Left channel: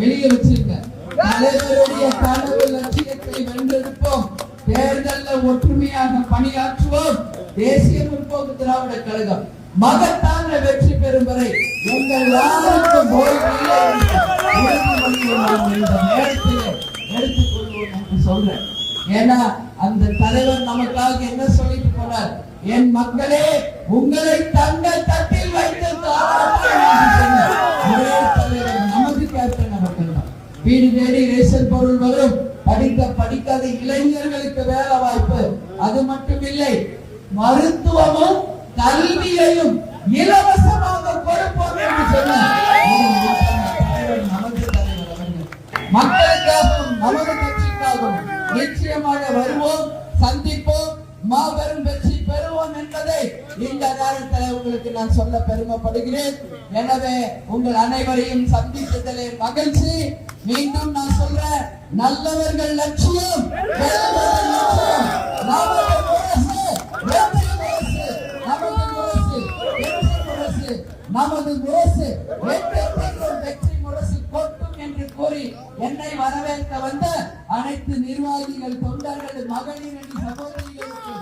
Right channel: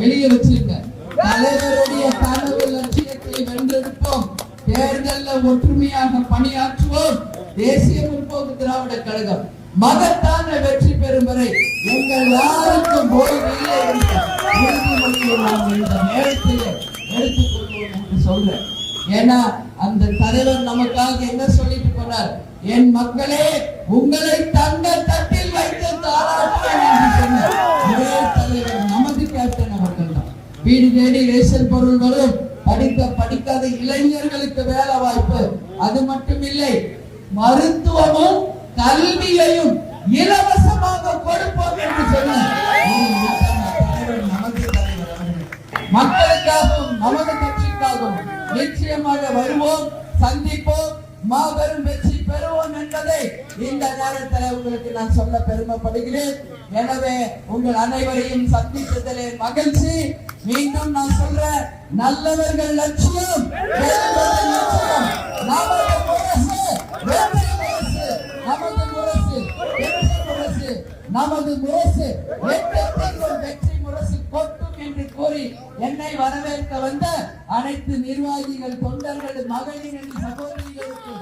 வெளியே வச்சிருங்க. தலைவருடைய கனவு லட்சியத்தை வென்றெடுப்போம். தேர்தலில் ஒற்றுமையாக பணியாற்றுவோம். தேசிய முற்போக்கு திராவிட கழகம் மகத்தான வெற்றி பெறும் வரை உங்கள் யாருக்கும் ஓய்வில்லை என்ற உறுதிமொழியை நாம் இந்த நேரத்தில் எடுத்துக்கொள்வோம் என்று சொல்றேன். ஏன்னா அந்த தலைவர் நமக்காக என்ன சொல்லிட்டு போனார்? என் மக்களே, உங்களை தங்கள் தட்டில் வைத்து சொன்னார். ஒரே தலைவர் நமது கேப்டன் அவர்கள் தான். வீடு தேடி ரேஷன் பொருள் வரும். படிக்காத இளைஞர்களுக்கு வேலை வாய்ப்பு. அது மட்டும் இல்லை, மருத்துவமும் கல்வியையும் இலவசமாக கொடுப்போம் என்று சொன்னார். மக்களுக்காகவும் நமது கட்சிக்காகவும் நிச்சயமாக வருவோம், சந்திப்போம், மாபெரும் வெற்றி பெறுவோம் என்பதை இந்த நேரத்தில் உங்களுக்கு நான் சொல்ல பெருமைப்படுகிறேன். எனவே உங்கள் அனைவரையும் சந்தித்ததிலே மகிழ்ச்சி. மீண்டும் நான் சொல்ற, நல்லவர்கள் லட்சியம் நமது முரசு வெற்றி முரசு கொட்டும் என்று கூறி என்னை வரவேற்க வந்த அனைத்து நிர்வாகிகள், தொண்டர்கள், மகளிர் சகோதரிகளுக்கு